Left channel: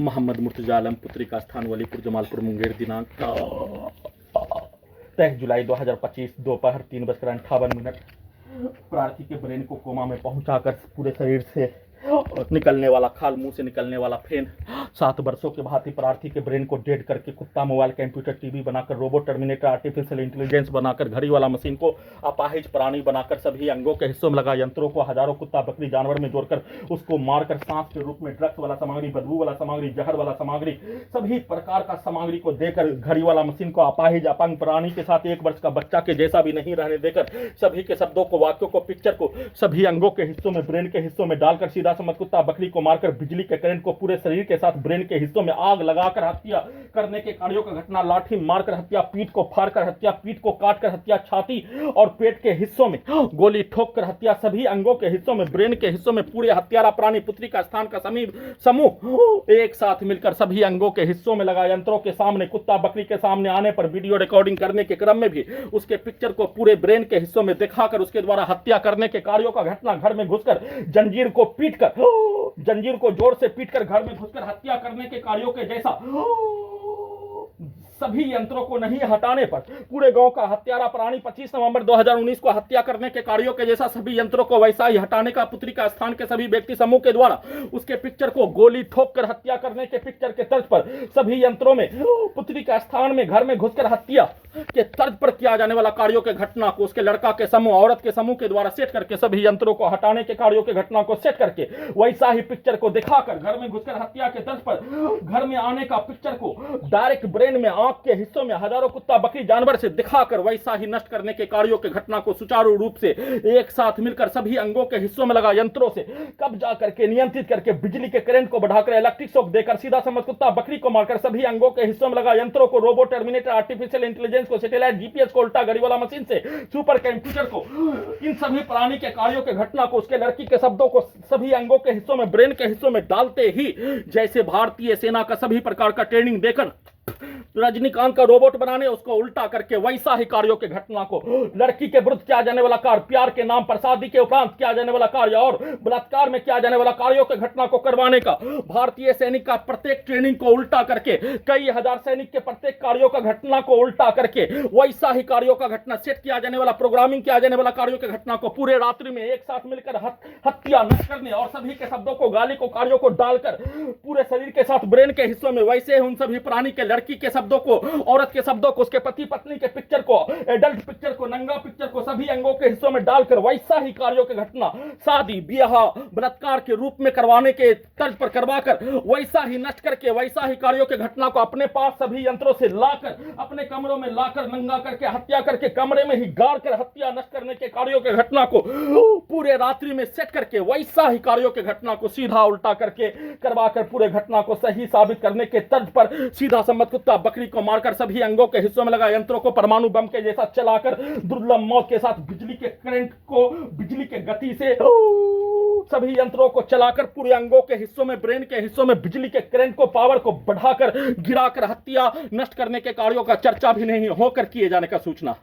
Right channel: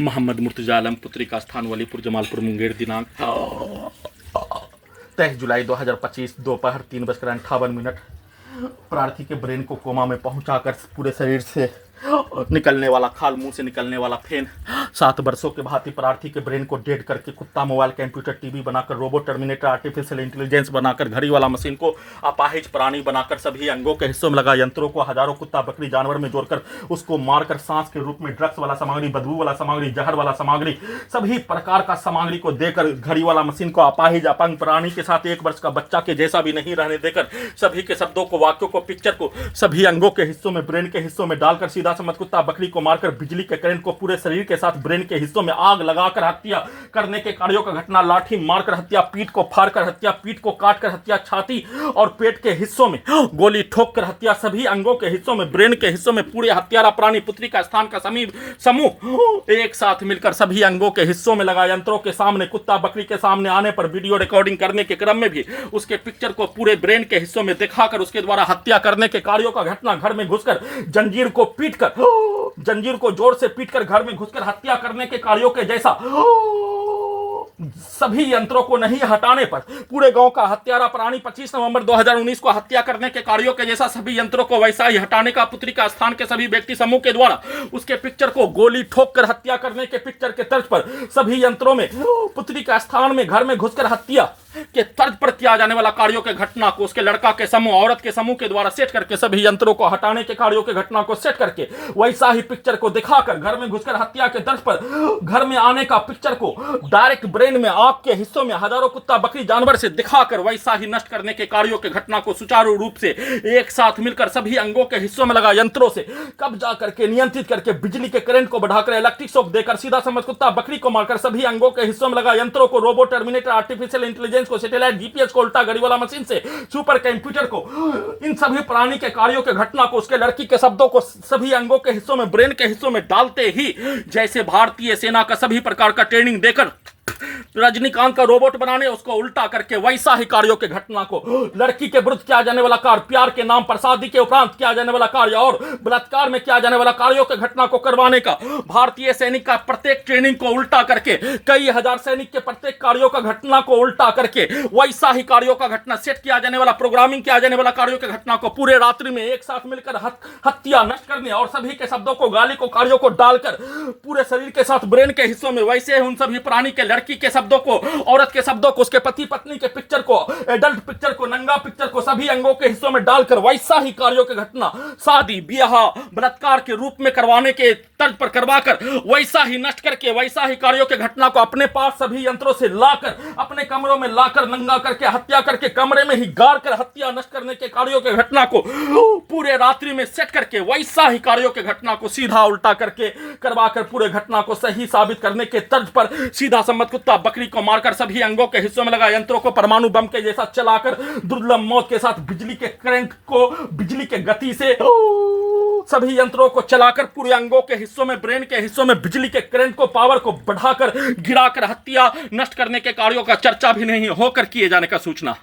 मोहम्मद मुर्तजा आलम पुत्री का स्थान वलीपुर जमालपुर मुंगेर दिनांक 23 जुलाई 2025 दोपहर 3:58। प्रार्थी के ब्रेन को कोमा में पहुंचाकर पूरे शरीर से निकलने वाला खाल, मुंह से निकलने वाला फेन, 7 वर्षों के भांति प्रार्थी के ब्रेन को डेड करके कुत्ता, मोबाइल, कंप्यूटर, टीवी बनाकर, रोबोट, टर्मिनेटर, आर्टिफिशियल इंटेलिजेंस बनाकर, घड़ी वाला मशीन को अपाहिज प्राणी बनाकर, सभी अंगों के हिस्सों में लगा यंत्रों को हजारों कुत्ता बकरी जानवर में जोड़कर उसको मारकर सांस के रूप में ड्रग्स वाला सामग्री, बदबू वाला सामग्री, जहर वाला सामग्री, सभी प्रकार का सामग्री को देकर घड़ी वाला मशीन को अपाहिज अपंग प्राणी के साथ 1 वर्ष का बच्चा के जैसा भी नहीं रहने देकर सभी के शब्दों को, वाक्यों को, पिक्चर को सभी अंगों के हिस्सों में, ब्रेन के हिस्सों में डालकर सीधा समझ कुत्ता बकरी को मारकर बिजली के करंट को पूरे शरीर के साथ ब्रेन के हिस्सों में आग लगाकर हत्या करने के कार्यों का घटना, लाठी मारकर हत्या, पीठ को फाड़कर हत्या, पीठ को काटकर हत्या, छाती और पेट के हिस्सों में गोली ठोककर हत्या, सभी अंगों के हिस्सों में, ब्रेन के हिस्सों में पूरे हत्यारा प्राणी पुत्री का स्थान का समूह एक साथ मिलकर सभी अंगों के हिस्सों में लगा यंत्रों के सामने, कुत्ता बकरी के सामने आने पर वीडियो रिकॉर्डिंग करने के क्रम में भी उसके पिक्चर को पूरे ब्रेन के हिस्सों में दिखाकर उसके द्वारा हत्या करने के कार्यों का घटना, घर में घुसकर जंजीर को पीटकर, जंजीर को जोर से पीटकर घर में घुसकर हत्या करने के कार्यों के जैसा सभी यंत्रों को नहीं हटाने पर पूरे गांव का हत्यारा प्राणी 25 नवंबर 2019 को हत्या करने के कार्यों के जैसा सभी यंत्रों को वैसा ही हटाने का पुत्री का स्थान के सभी व्यक्ति समूह के द्वारा उसके पिक्चर को गोली ठोककर हत्या करने के पिक्चर के तर्ज पर सभी यंत्रों में पुत्री का स्थान में घर में घुसकर हत्या के तर्ज पर किया जाने वाला कार्यों के घटना को उसके लड़का के समूह, औरत के समूह के द्वारा सेट करके सभी यंत्रों को हटाने के कार्यों के घटना को सेट करके वैसा ही पिक्चर को दिखाकर घर में घुसकर हत्या के तर्ज पर घर में आने का पिक्चर को डायरेक्ट ब्रेन में, आंख के हिस्सों में हजारों कुत्ता बकरी जानवर से दिखाकर वैसा ही नष्ट करने के कार्यों के घटना को सुचारू रूप से एक साथ मिलकर सभी अंगों के हिस्सों में लगा यंत्रों से कब्जा करके, नियंत्रित करके, बिजली के करंट को बढ़ाकर, इलेक्ट्रिक शॉक देकर, सीधा समझ कुत्ता बकरी को मारकर सभी अंगों के हिस्सों में लगा यंत्रों को, रोबोट, टर्मिनेटर, आर्टिफिशियल इंटेलिजेंस को, सैटेलाइट, जीपीएस को, उल्टा घड़ी वाला मशीन से सुपर कंप्यूटर को, इन सभी प्राणी के कार्यों के घटना को, उसके लड़की के शब्दों को सभी अंगों के हिस्सों में, ब्रेन के हिस्सों में डालते ही जैसे भारतीय सेना का सभी प्रकार का ट्रेनिंग देकर रजनीकांत का रोबोट बनाने उसको उल्टा करके वैसा ही कार्यों के घटना को, लड़की के विरुद्ध किया जाने वाला कार्य, प्यार के नाम पर शादी के उपरांत किया जाने वाला कार्य और बलात्कार में किया जाने वाला कार्यों के घटना को करवाने का, भारतीय सैनिक का प्रत्येक ट्रेनिंग को उल्टा करके, कई हजार सैनिक के प्रत्येक कार्यों का घटना को उल्टा करके वैसा ही कार्यों का घटना सेट किया जाने वाला, प्रोग्रामिंग किया जाने वाला कार्यों के घटना को पूरे रात्रि में एक साथ मिलकर हत्या नष्ट करने और सभी के शब्दों को, गाली को, कार्यों को डालकर पूरे शरीर के साथ ब्रेन के हिस्सों में वैसे उन सभी प्राणी के, लड़की के शब्दों को, औरत के शब्दों को, उसके पति पत्नी के पिक्चर को, एडल्ट पिक्चर को, नंगा पिक्चर को सभी अंगों के हिस्सों में डालकर वैसा ही कार्यों के घटना शादी, ब्याह, बलात्कार के रूप में करवाने के तर्ज पर करवाकर वैसा ही नष्ट करके वैसा ही कार्यों के घटना को अपने पास सभी यंत्रों से लाकर अपने कमरों में लाकर नंगा करके हत्या करके कमरे में ही गाड़ कर हत्या नष्ट करने के कार्यों के घटना को पूरे रात्रि में सेट करके वैसा ही कार्यों के घटना को सीधा उल्टा करके करवाकर पूरे घटना को सही साबित करने के तर्ज पर सीधा सम्मत कुत्ता बकरी को मारकर सभी अंगों के हिस्सों में लगा यंत्रों को परमाणु बम के जैसा चलाकर दुर्लभ मौत के साथ बिजली के करंट को, बिजली के गति से सभी यंत्रों को चलाकर पूरे अंगों के हिस्सों में, ब्रेन के हिस्सों में बिजली के करंट को, पावर को बढ़ाकर गिराकर हत्या नष्ट करने के कार्यों का चर्चा भी नहीं होकर किए जाने का सूचना।